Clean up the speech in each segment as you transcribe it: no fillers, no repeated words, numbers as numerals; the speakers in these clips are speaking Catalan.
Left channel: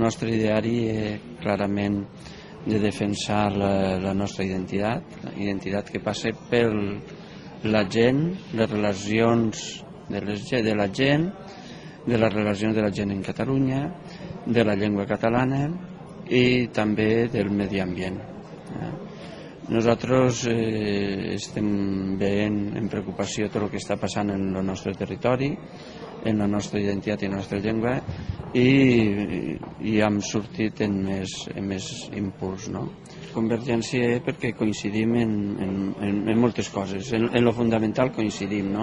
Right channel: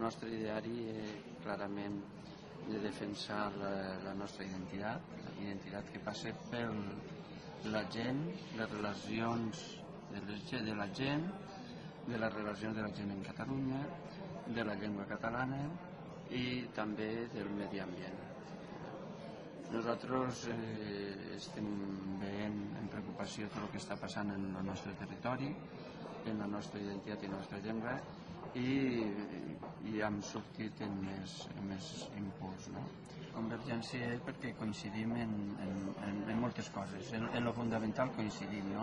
nostre ideari clarament de defensar la nostra identitat que passa per la gent, les relacions de la gent, de les relacions de la gent en Catalunya, de la llengua catalana i també del medi ambient. Nosaltres estem veient en preocupació tot el que està passant en el nostre territori, en la nostra identitat i la nostra llengua, i hem sortit en més impuls. Convergència perquè coincidim en moltes coses, en lo fundamental coincidim.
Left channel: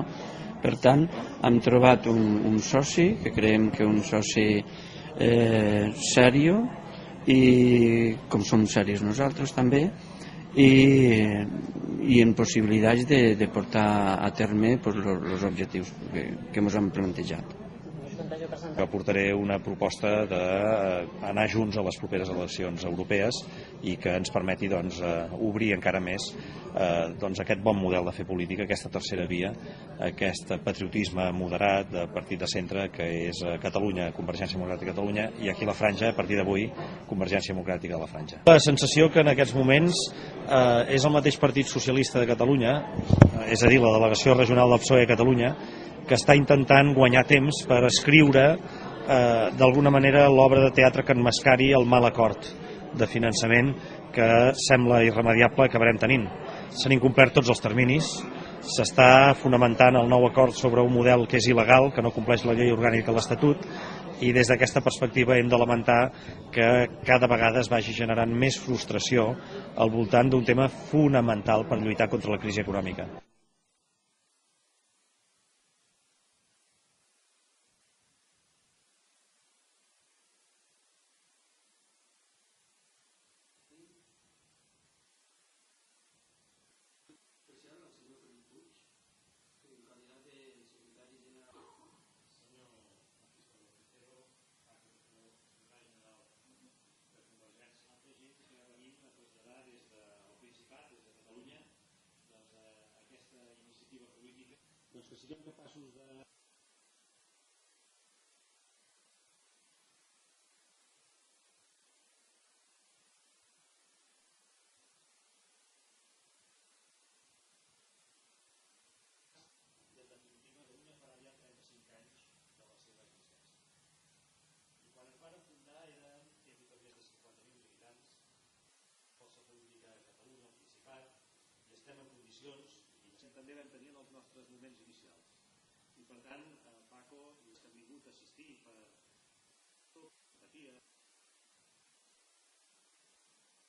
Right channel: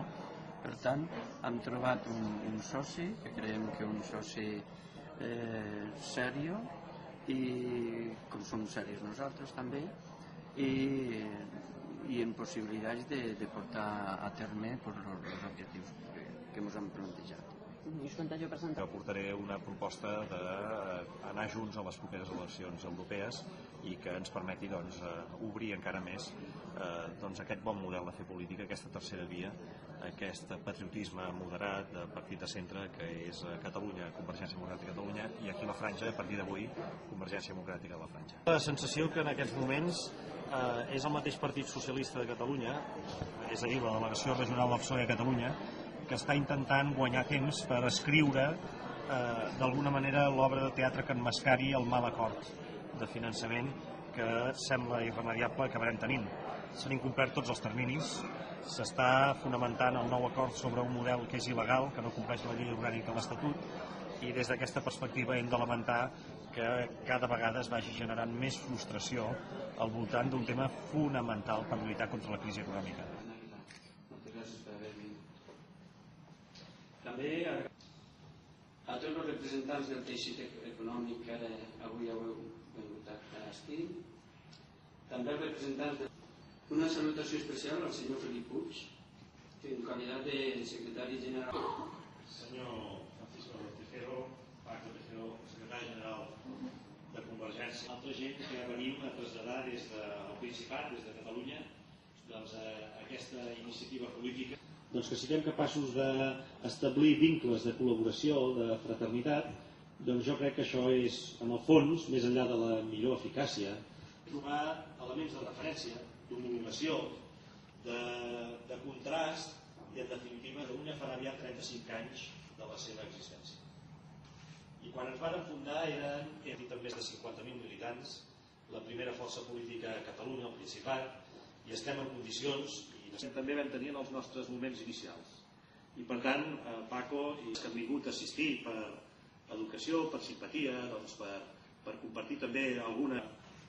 Per tant, hem trobat un soci, que creiem que un soci serio, i com som seris nosaltres també, i en possibilitats de portar a terme els objectius que ens hem plantejat. Aportaré una proposta d'anar junts a les properes eleccions europees i que ens permeti obrir encara més aquest bon model de fer política, aquesta tercera via, aquest patriotisme moderat de partit de centre que és Catalunya, Convergència Democràtica de Catalunya, i aquí a la franja, a partir d'avui, Convergència Democràtica de la Franja. La sensació que en aquests moments és el mateix Partit Socialista de Catalunya, és a dir, la delegació regional del PSOE a Catalunya, que està intentant guanyar temps per escriure d'alguna manera l'obra de teatre que emmascari el mal acord de finançament que sembla irremediable que acabarem tenint. S'han incomplert tots els terminis, s'està fonamentant el nou acord sobre un model que és il·legal, que no compleix la llei orgànica de l'Estatut, i des d'aquesta perspectiva hem de lamentar que cada vegada es vagi generant més frustració al voltant d'un tema fonamental per lluitar contra la crisi econòmica. A tots els representants del teixit econòmic que avui heu vingut a assistir, també els representants de... Una salutació especial al senyor Felip Puig, en qualitat de secretari general. Senyor Francisco Tejero, Paco Tejero, secretari general de Convergència. Altra gent que venim a traslladar des del Principat, des de Catalunya, aquesta iniciativa política. Que siguem capaços d'establir vincles de col·laboració, de fraternitat, jo crec que això és, en el fons, més enllà de la millor eficàcia, trobar elements de referència, d'homologació, de contrast i, en definitiva, d'una farà aviat 35 anys de la seva existència. I quan ens van fundar eren més de 50.000 militants, la primera força política a Catalunya, al Principat, i estem en condicions, i també vam tenir en els nostres moments inicials. I per tant, Paco, i que han vingut a assistir per educació, per simpatia, per compartir també alguna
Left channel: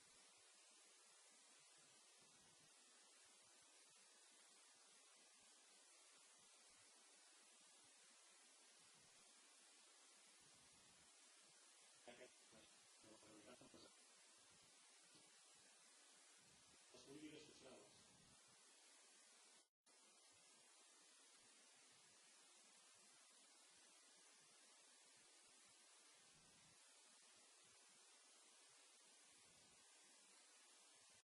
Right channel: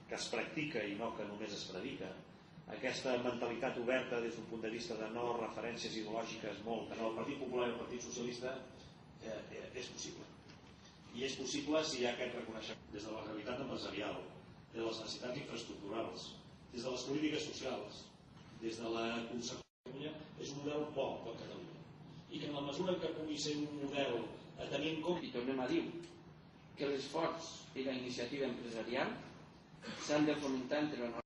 que es practica i no que només es predica, aquesta mentalitat oberta des d'un punt de vista de no referències ideològiques molt en el Partit Popular i el Partit Socialista és possible. I és possible si hi ha aquest reconeixement des de la realitat empresarial, des de les necessitats infraestructurals, des de les polítiques socials, des de la concepció de Catalunya, és un model bo per Catalunya. I que en la mesura que pugui ser un model a tenir en compte... I tornem a dir que l'esforç i la iniciativa empresarial s'han de fomentar entre la